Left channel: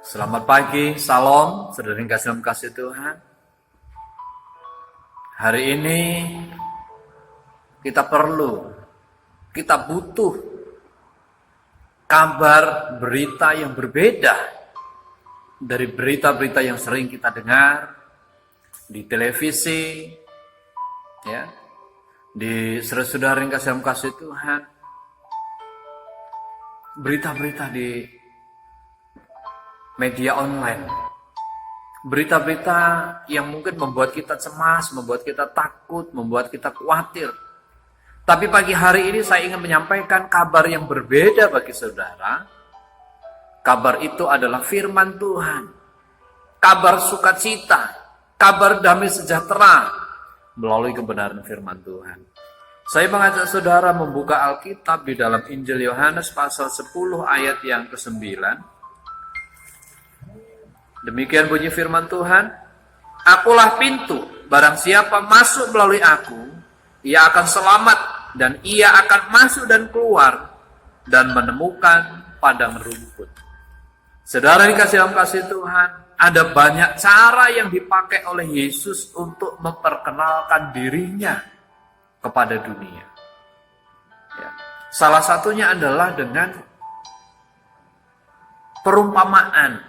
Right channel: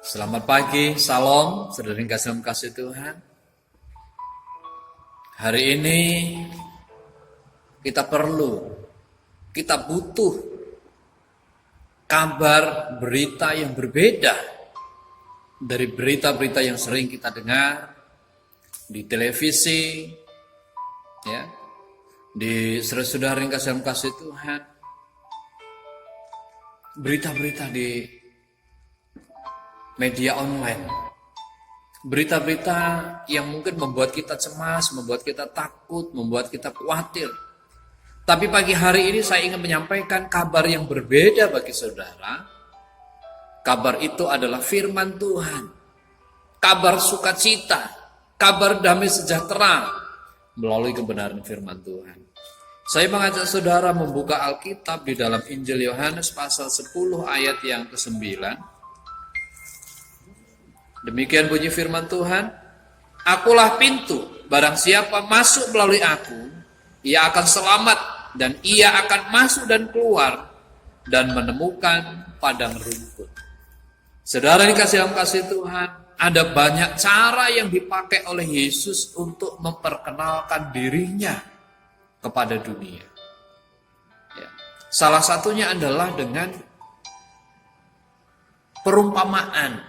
Selamat pagi, salam, saudara yang kasih Tuhan. Hari ini kita butuh kabar berita yang berbeda dari berita-berita yang sering kita dengar di televisi, ya, di saudara yang kasih Tuhan. Berita-berita di media online, berita-berita yang mungkin membuat kita cemas, membuat kita takut, membuat kita khawatir. Tapi pagi hari ini saya ingin menyampaikan kabar yang berbeda bagi saudara. Kabar itu adalah firman Tuhan, kabar sukacita, kabar damai sejahtera melalui kebenaran firman Tuhan. Saya mengajak saudara membuka Alkitab di dalam Injil Yohanes pasal 10 ayat yang ke-9. Demikian bunyi firman Tuhan, "Akulah pintu, barang siapa masuk melalui aku, ia akan selamat, dan ia akan masuk dan keluar, dan menemukan padang rumput." Saudara dikasih dalam kasih Tuhan, ada banyak cara yang dipakai oleh Yesus untuk memperkenalkan dirinya kepada dunia. Ya. Salah satunya adalah dengan perumpamaan,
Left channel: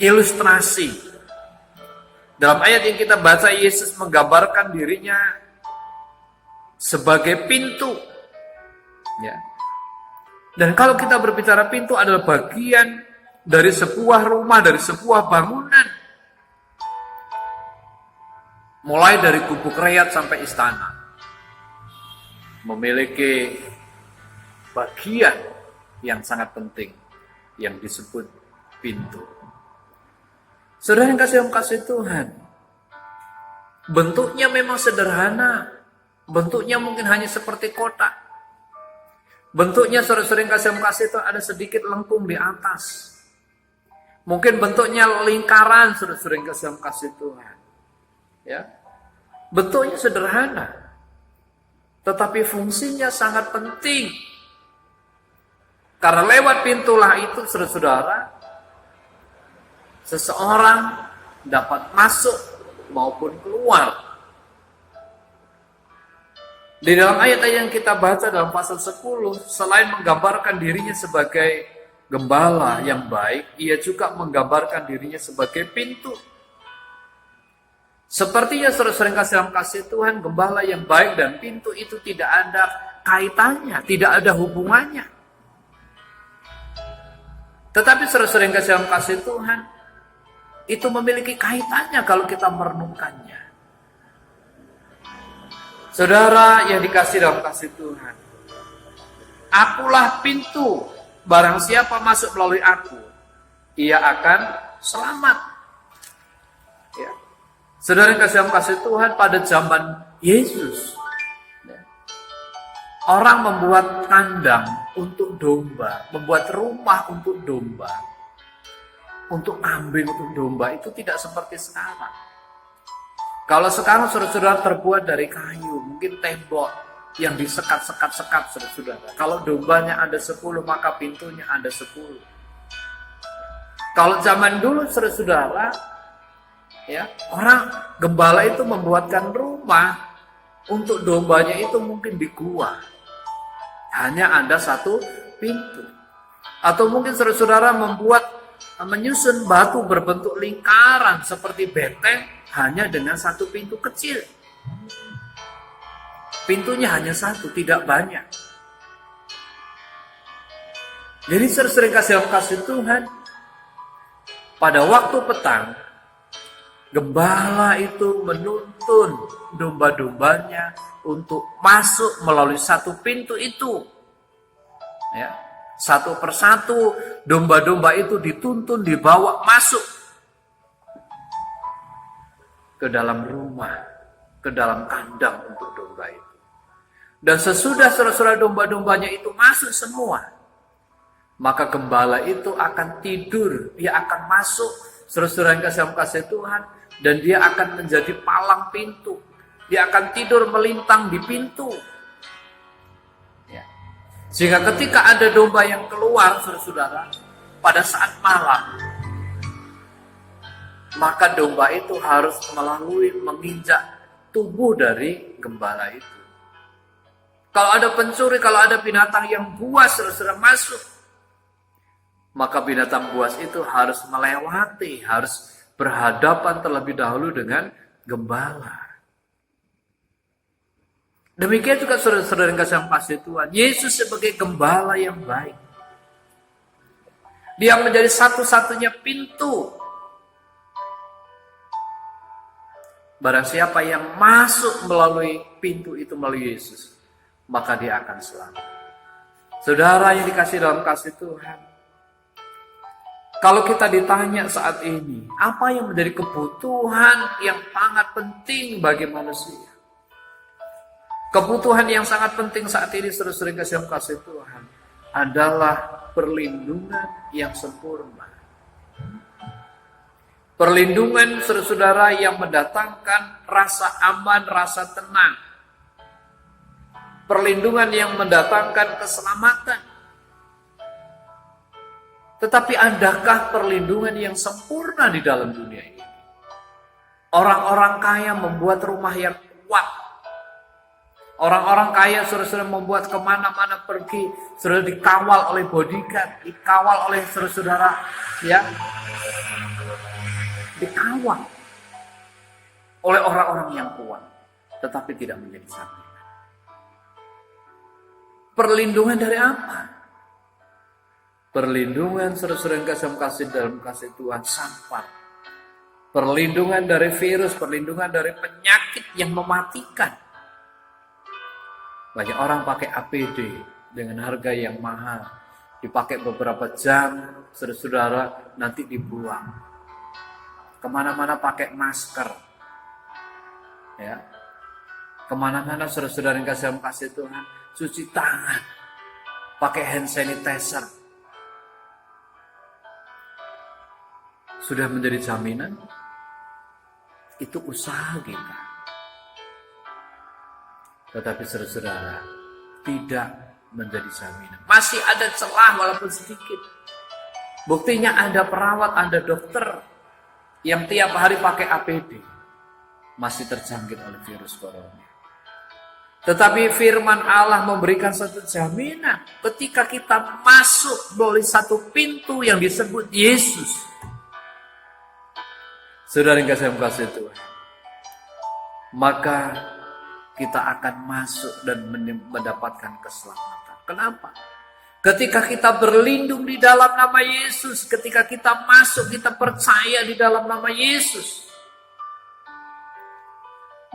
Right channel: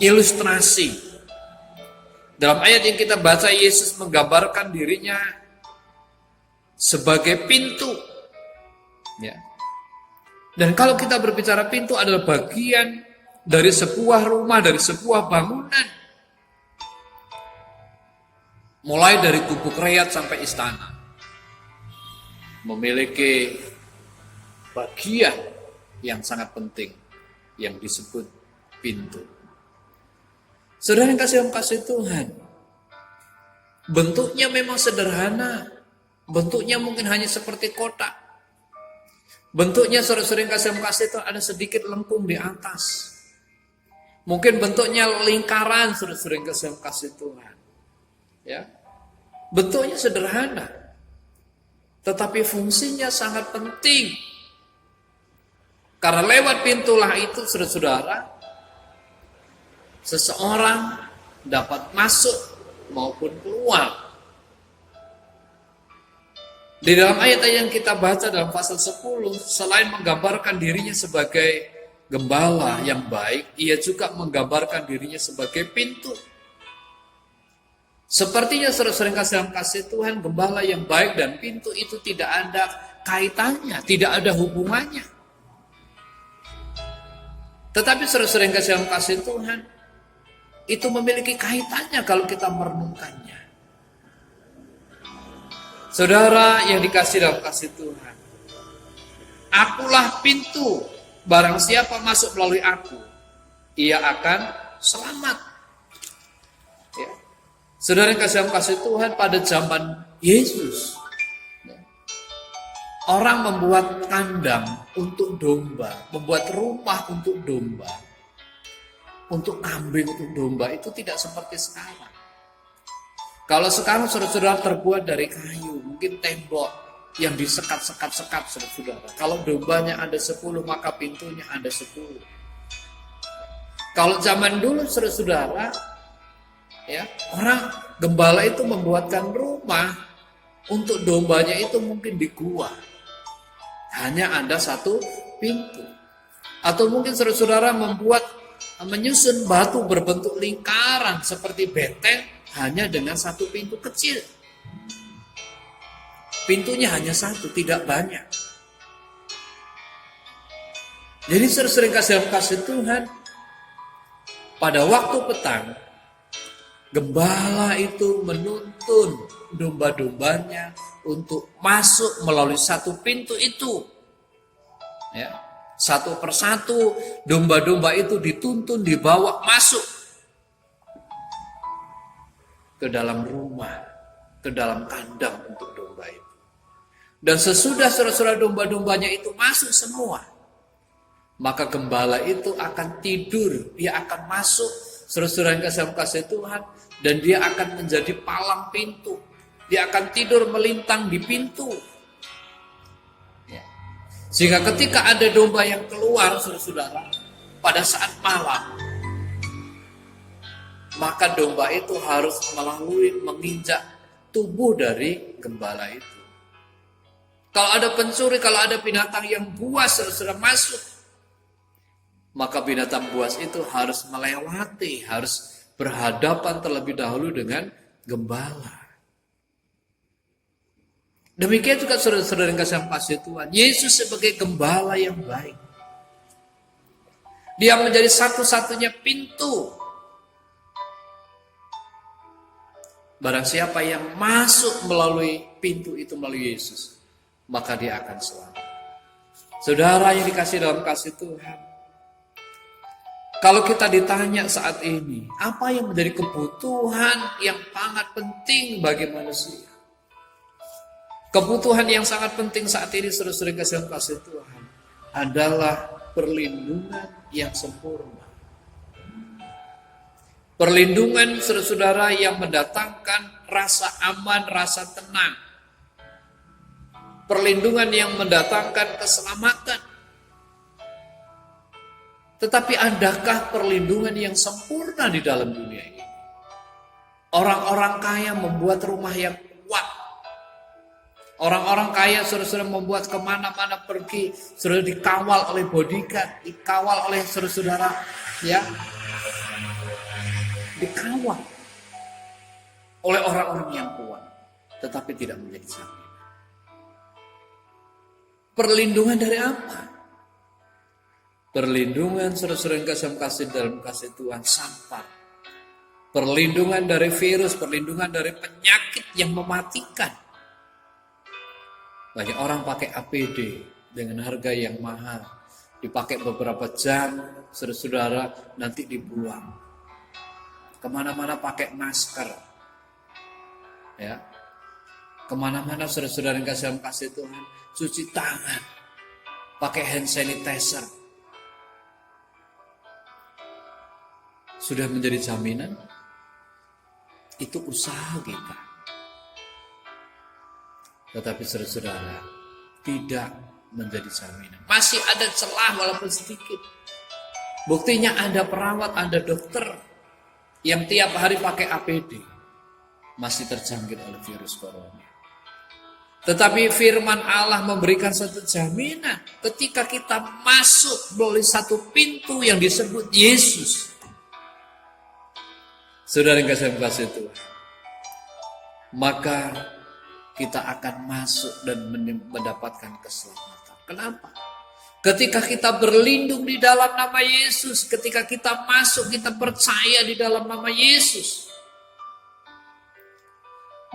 ilustrasi. Dalam ayat yang kita baca, Yesus menggambarkan dirinya sebagai pintu. Ya. Dan kalau kita berbicara pintu adalah bagian dari sebuah rumah, dari sebuah bangunan. Mulai dari gubuk rakyat sampai istana, memiliki bagian yang sangat penting yang disebut pintu. Saudara yang kasih Tuhan, bentuknya memang sederhana, bentuknya mungkin hanya seperti kotak. Bentuknya saudara yang kasih Tuhan ada sedikit lengkung di atas. Mungkin bentuknya lingkaran, saudara yang kasih Tuhan. Ya, bentuknya sederhana, tetapi fungsinya sangat penting. Karena lewat pintulah itu, saudara, seseorang dapat masuk maupun keluar. Di dalam ayat yang kita baca dalam pasal 10, selain menggambarkan dirinya sebagai gembala yang baik, ia juga menggambarkan dirinya sebagai pintu. Sepertinya saudara yang kasih Tuhan, gembala yang baik dan pintu itu tidak ada kaitannya, tidak ada hubungannya. Tetapi saudara yang kasih Tuhan, itu memiliki kaitannya kalau kita merenungkannya. Saudara yang dikasih dalam kasih Tuhan, akulah pintu, barang siapa masuk melalui aku, ia akan selamat. Ya. Saudara yang kasih Tuhan, pada zaman Yesus, ya, orang membuat kandang untuk domba, membuat rumah untuk domba, untuk kambing, untuk domba, itu tidak seperti sekarang. Kalau sekarang saudara-saudara terbuat dari kayu, mungkin tembok yang disekat-sekat, saudara-saudara. Kalau dombanya ada 10, maka pintunya ada 10. Kalau zaman dulu saudara-saudara, ya, orang gembala itu membuatkan rumah untuk dombanya itu mungkin di gua. Hanya ada satu pintu. Atau mungkin saudara-saudara menyusun batu berbentuk lingkaran seperti benteng hanya dengan satu pintu kecil. Pintunya hanya satu, tidak banyak. Jadi sering kasih Tuhan, pada waktu petang, gembala itu menuntun domba-dombanya untuk masuk melalui satu pintu itu. Ya, satu persatu domba-domba itu dituntun, dibawa masuk ke dalam rumah, ke dalam kandang untuk domba itu. Dan sesudah saudara-saudara domba-dombanya itu masuk semua, maka gembala itu akan tidur, dia akan masuk, saudara-saudara yang kasih Tuhan, dan dia akan menjadi palang pintu. Dia akan tidur melintang di pintu. Ya. Sehingga ketika ada domba yang keluar, saudara-saudara, pada saat malam, maka domba itu harus menginjak tubuh dari gembala itu. Kalau ada pencuri, kalau ada binatang yang buas sudah masuk, maka binatang buas itu harus melewati, harus berhadapan terlebih dahulu dengan gembala. Demikian juga saudara-saudara yang kasih Tuhan, Yesus sebagai gembala yang baik. Dia menjadi satu-satunya pintu. Barang siapa yang masuk melalui pintu itu, melalui Yesus, maka dia akan selamat. Saudara yang dikasih dalam kasih Tuhan, kalau kita ditanya saat ini, apa yang menjadi kebutuhan yang sangat penting bagi manusia? Kebutuhan yang sangat penting saat ini, saudara-saudara yang kasih Tuhan, adalah perlindungan yang sempurna. Perlindungan saudara-saudara yang mendatangkan rasa aman, rasa tenang. Perlindungan yang mendatangkan keselamatan. Tetapi adakah perlindungan yang sempurna di dalam dunia ini? Orang-orang kaya membuat rumah yang kuat. Orang-orang kaya saudara-saudara membuat kemana-mana pergi, saudara dikawal oleh bodyguard, dikawal oleh saudara-saudara, ya, dikawal oleh orang-orang yang kuat, tetapi tidak menjadi jaminan. Perlindungan dari apa? Perlindungan saudara-saudara yang kasih dalam kasih Tuhan sampai. Perlindungan dari virus, perlindungan dari penyakit yang mematikan. Banyak orang pakai APD dengan harga yang mahal, dipakai beberapa jam, saudara-saudara nanti dibuang. Kemana-mana pakai masker, ya. Kemana-mana saudara-saudara yang kasih Tuhan, cuci tangan, pakai hand sanitizer. Sudah menjadi jaminan? Itu usaha kita. Tetapi saudara-saudara, tidak menjadi jaminan. Masih ada celah walaupun sedikit. Buktinya ada perawat, ada dokter yang tiap hari pakai APD. Masih terjangkit oleh virus corona. Tetapi firman Allah memberikan satu jaminan. Ketika kita masuk melalui satu pintu yang disebut Yesus. Saudara yang kasih Tuhan. Maka kita akan masuk dan mendapatkan keselamatan. Kenapa? Ketika kita berlindung di dalam nama Yesus, ketika kita masuk, kita percaya di dalam nama Yesus,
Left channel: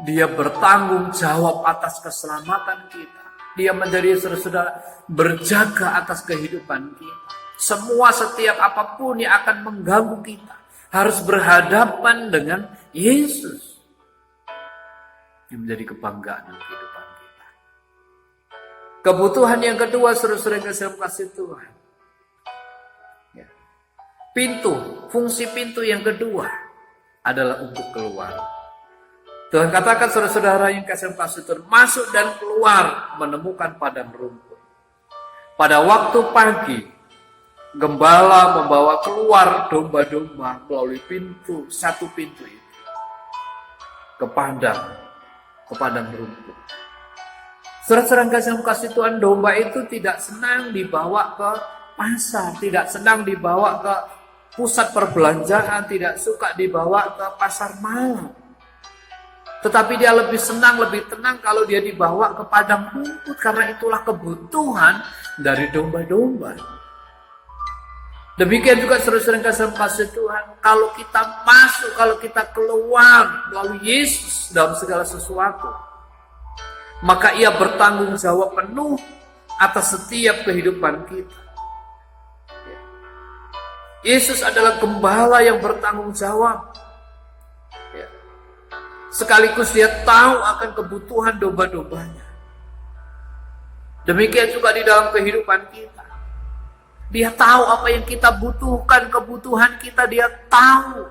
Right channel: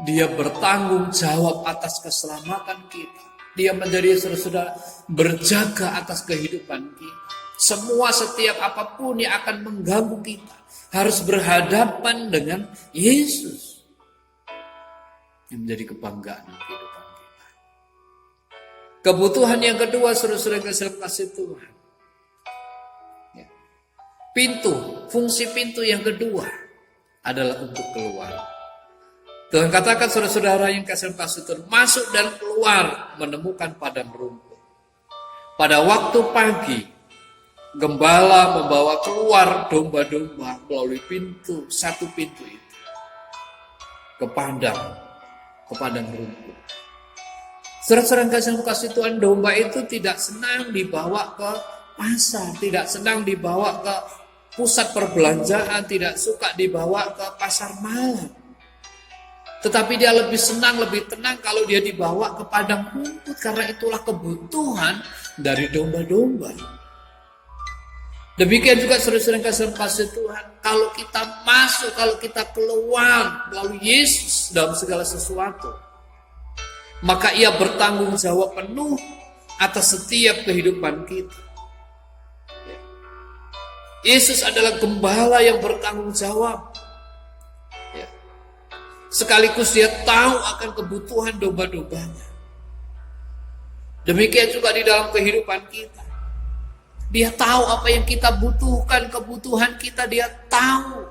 Dia bertanggung jawab atas keselamatan kita. Dia menjadi saudara-saudara berjaga atas kehidupan kita. Semua setiap apapun yang akan mengganggu kita harus berhadapan dengan Yesus. Yang menjadi kebanggaan kehidupan kita. Kebutuhan yang kedua, saudara-saudara yang kasih Tuhan. Ya. Pintu, fungsi pintu yang kedua adalah untuk keluar. Tuhan katakan saudara-saudara yang kasih Tuhan, masuk dan keluar menemukan padang rumput. Pada waktu pagi, gembala membawa keluar domba-domba melalui satu pintu itu. Ke padang rumput. Saudara-saudara kasih Tuhan, domba itu tidak senang dibawa ke pasar, tidak senang dibawa ke pusat perbelanjaan, tidak suka dibawa ke pasar malam. Tetapi dia lebih senang, lebih tenang kalau dia dibawa ke padang rumput, karena itulah kebutuhan dari domba-domba. Demikian juga saudara-saudara kasih Tuhan, kalau kita masuk, kalau kita keluar melalui Yesus dalam segala sesuatu, maka Ia bertanggung jawab penuh atas setiap kehidupan kita. Yesus adalah gembala yang bertanggung jawab. Sekaligus Dia tahu akan kebutuhan domba-dombanya. Demikian juga di dalam kehidupan kita. Dia tahu apa yang kita butuhkan, kebutuhan kita Dia tahu.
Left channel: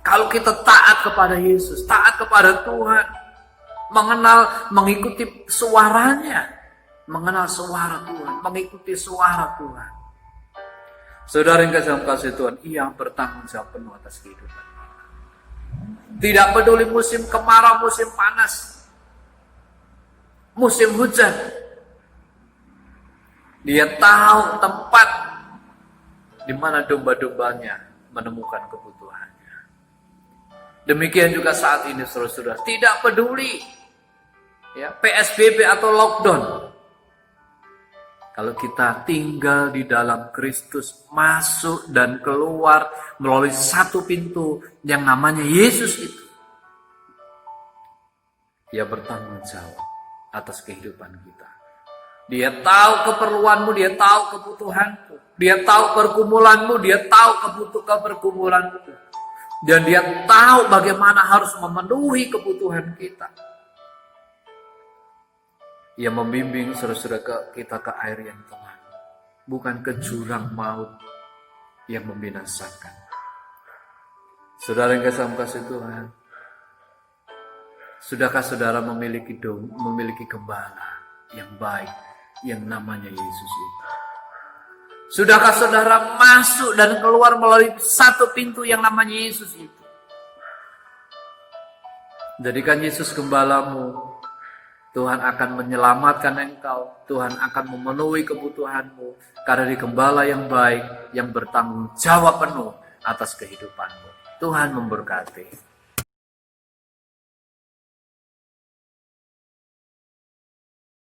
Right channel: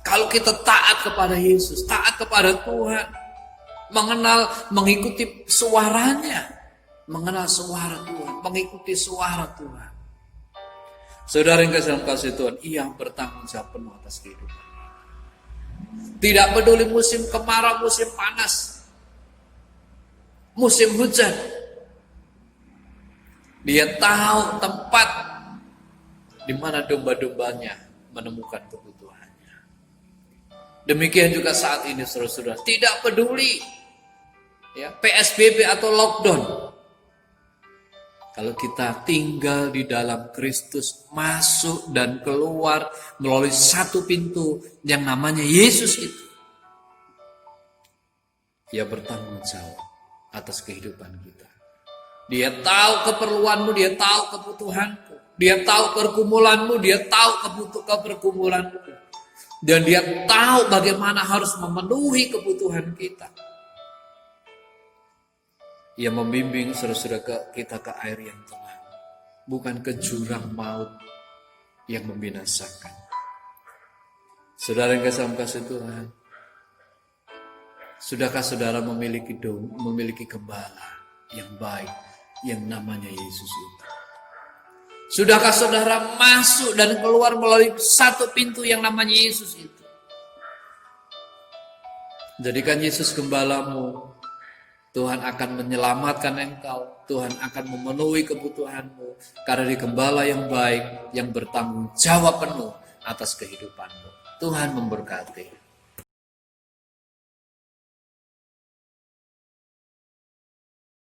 Kalau kita taat kepada Yesus, taat kepada Tuhan, mengikuti suaranya, mengenal suara Tuhan, mengikuti suara Tuhan. Saudara yang dalam kasih Tuhan, ia bertanggung jawab penuh atas kehidupan. Tidak peduli musim kemarau, musim panas, musim hujan. Dia tahu tempat di mana domba-dombanya menemukan kebutuhannya. Demikian juga saat ini saudara-saudara, tidak peduli ya, PSBB atau lockdown. Kalau kita tinggal di dalam Kristus, masuk dan keluar melalui satu pintu yang namanya Yesus itu, Dia bertanggung jawab atas kehidupan kita. Dia tahu keperluanmu, Dia tahu kebutuhanmu, Dia tahu pergumulanmu, Dia tahu kepergumulanmu. Dan Dia tahu bagaimana harus memenuhi kebutuhan kita. Ia membimbing saudara-saudara kita ke air yang tenang, bukan ke jurang maut yang membinasakan. Saudara yang kasih Tuhan, sudahkah saudara memiliki gembala yang baik, yang namanya Yesus itu? Sudahkah saudara masuk dan keluar melalui satu pintu yang namanya Yesus itu? Jadikan Yesus gembalamu. Tuhan akan menyelamatkan engkau. Tuhan akan memenuhi kebutuhanmu. Karena di gembala yang baik, yang bertanggung jawab penuh atas kehidupanmu. Tuhan memberkati.